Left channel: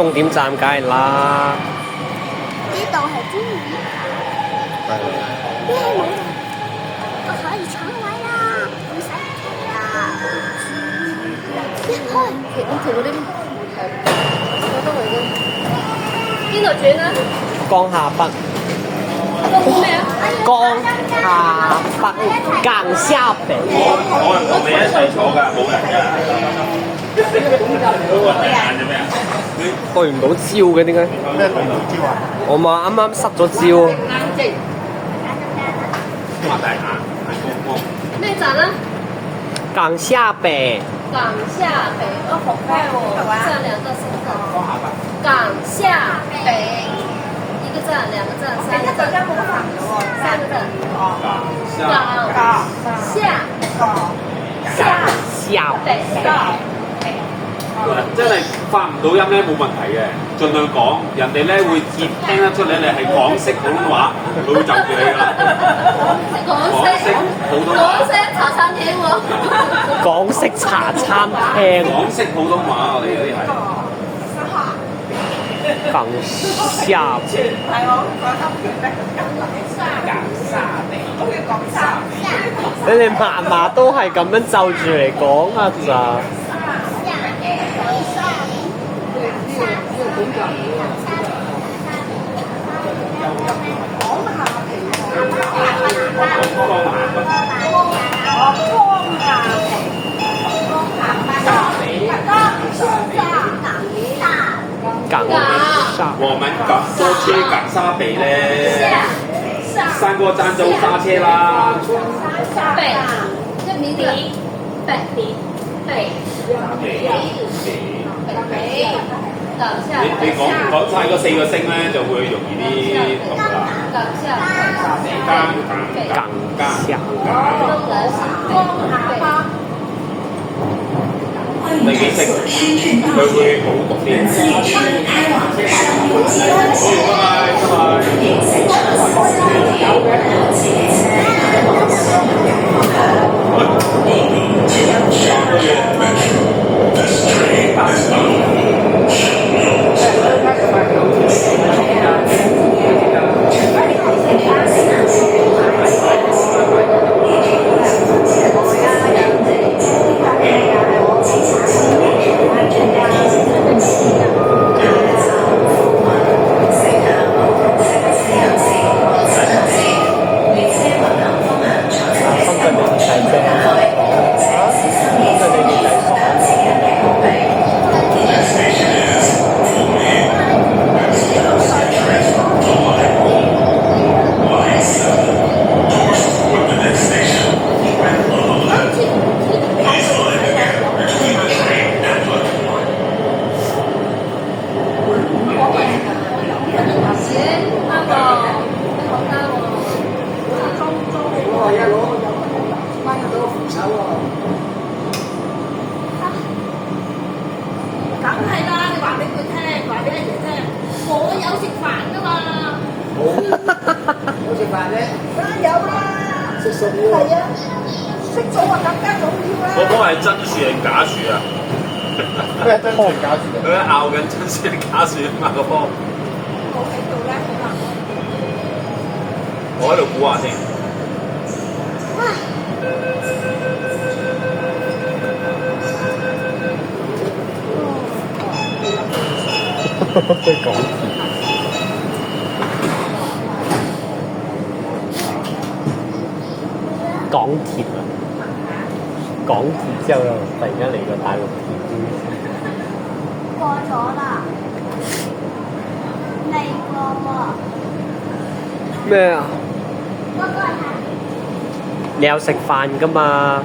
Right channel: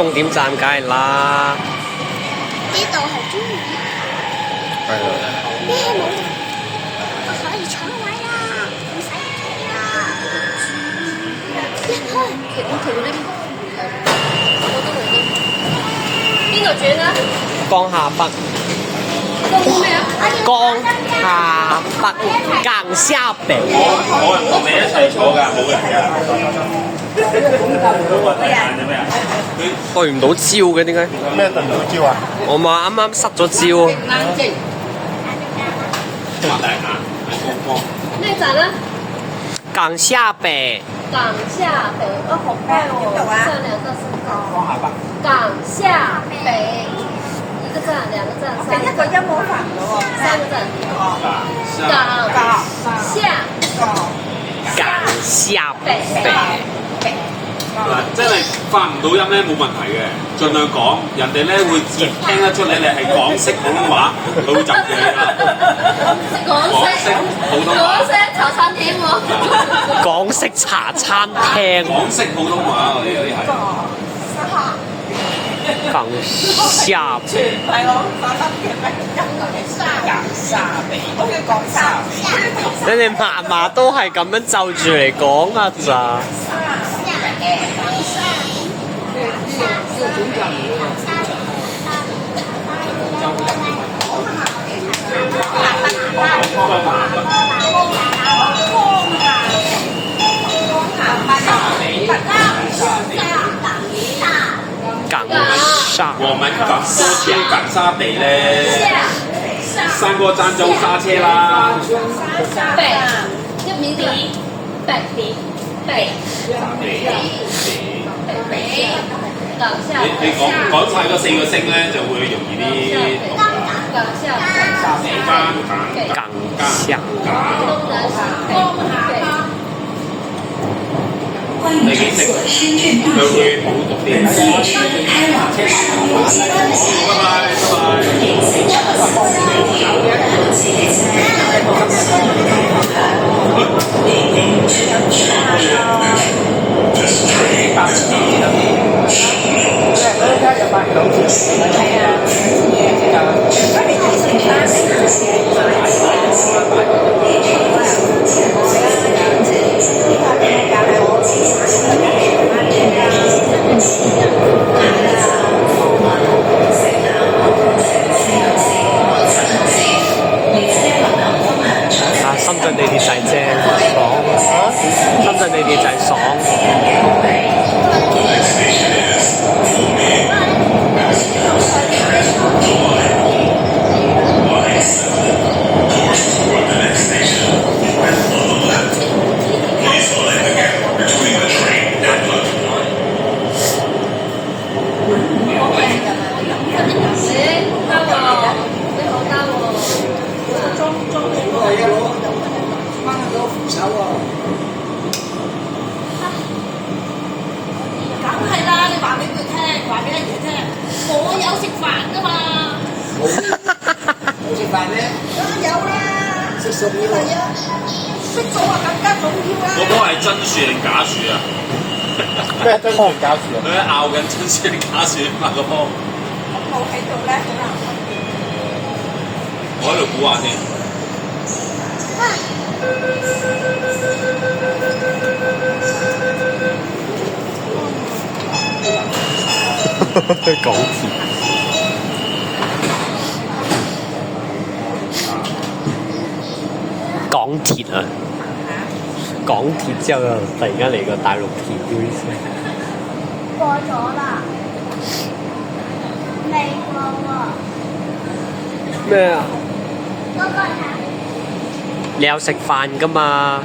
終點站梗係啦。呢度係終點。係啦。咩冇人？我可以搶位啦，唔使企啦。一開，我停呢邊。我都冇嘅。邊度轉啊？江夏北。江咩啊？江夏北，江夏北。我同你一齊坐㗎，冇人㗎。對唔到焦嘅點解？咩對唔到焦啊？我咪啱啱失咗焦。咩站啊？江夏北。港下北，好快哦！站2到3個。港下北，一個站、2個站、3個站。3個站。港下北。嗱，即係你發唔到音咧冇問題嘅，盡量講，人哋咧會接聽得出你係港式普通話，佢會就住你啦。港式普通話。茶餐廳喎。港式茶餐廳。港式普通話，我哋嗰啲係。港下北。你哋嫲嫲都係咁樣就住嚟講啊咋？港沙，我們港多車港沙北咧，3個站就沙車啦。北，一米點，北。你講晒嗰4個聲咧，就會容易啲讀㗎。港下第幾聲佢會好讀啲。好，拜深圳地鐵就係正爽，深圳地鐵就係爽。我嗰個係真樹定假樹啊？咩真樹假樹？佢喺拗緊真樹定假樹啊嘛個波。我喺度估下先。港鐵。港鐵啊！港鐵之後又突然間嚟個大陸鐵杯先。過咗啦，未過喎。咩啊？嗰個係你有食飯㗎嘛？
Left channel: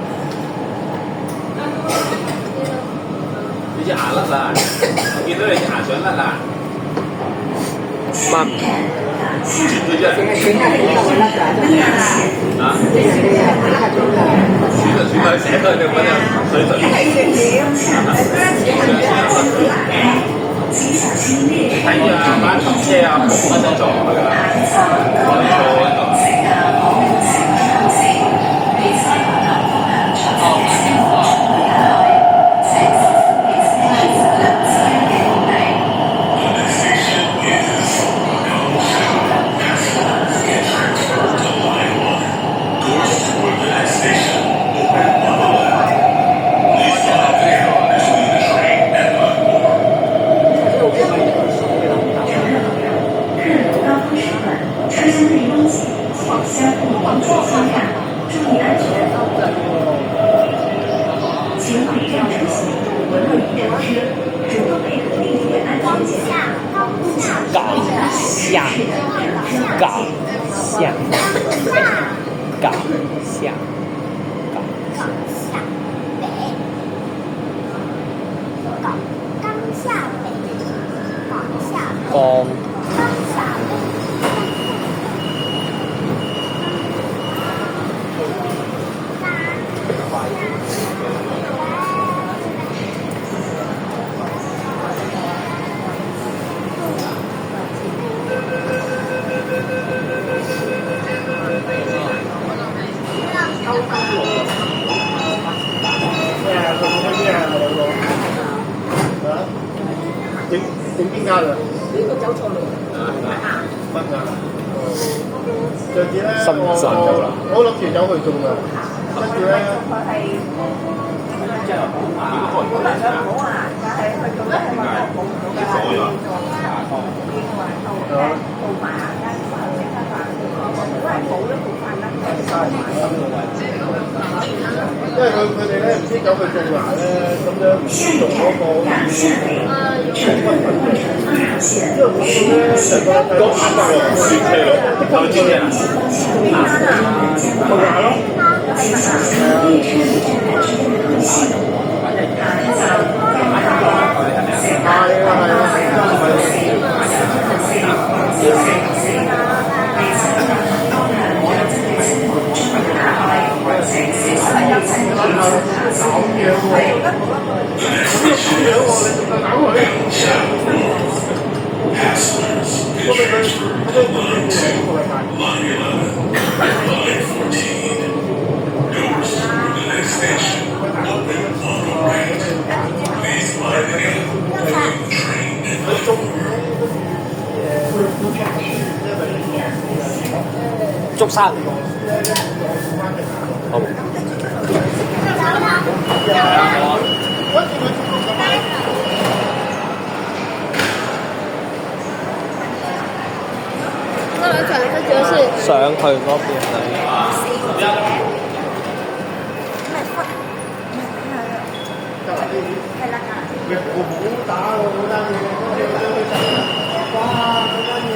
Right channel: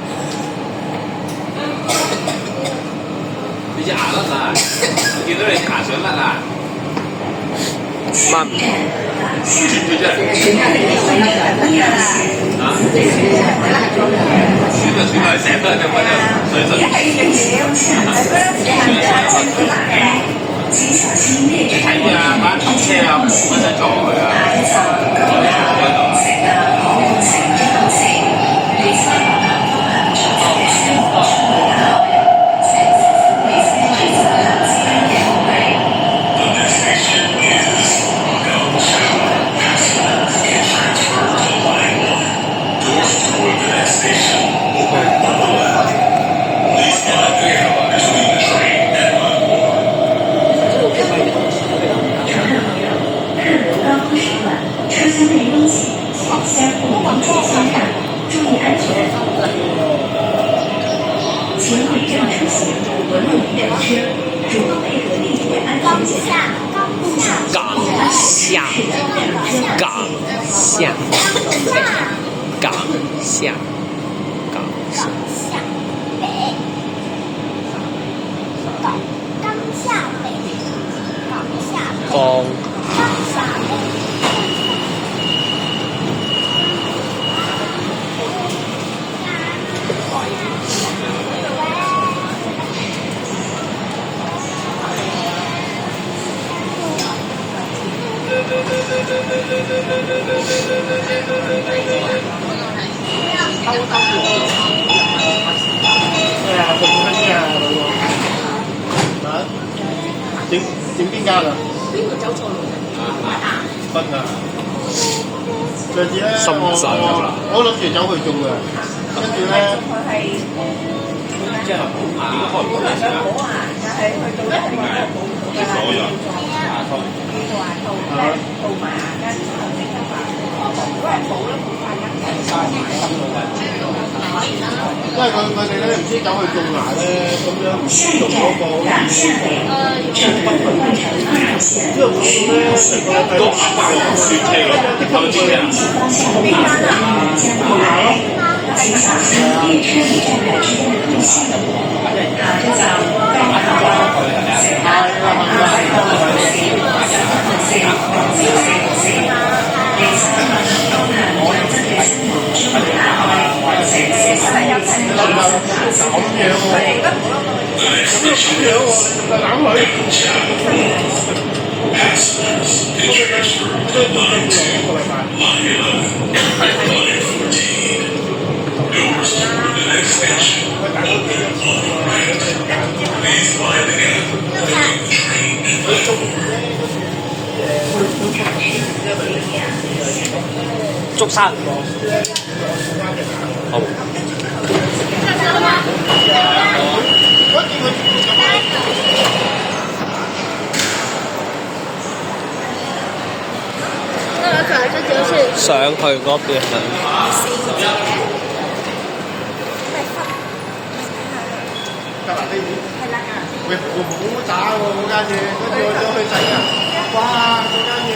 你隻牙甩晒，我見到你牙想甩啊！媽，轉佢啫。啊？轉就成日都係咁樣水質。你睇啊，班車啊，冇乜得坐佢啊，坐喺度。方。咩啊？佢講緊咩啊？老個整邊間啊？邊個走錯路？深圳。上次咧，深圳我諗住走去中嘅，跟住咧，因為佢哋咧唔知走去種牙咧，咁樣嗰個都啱啱我轉車咯，後轉車竹山。好。上去嗰邊係。得啦，呢啲喂，我好渣喎嗰間嘢，跟住我去睇，哇嗰間嘢。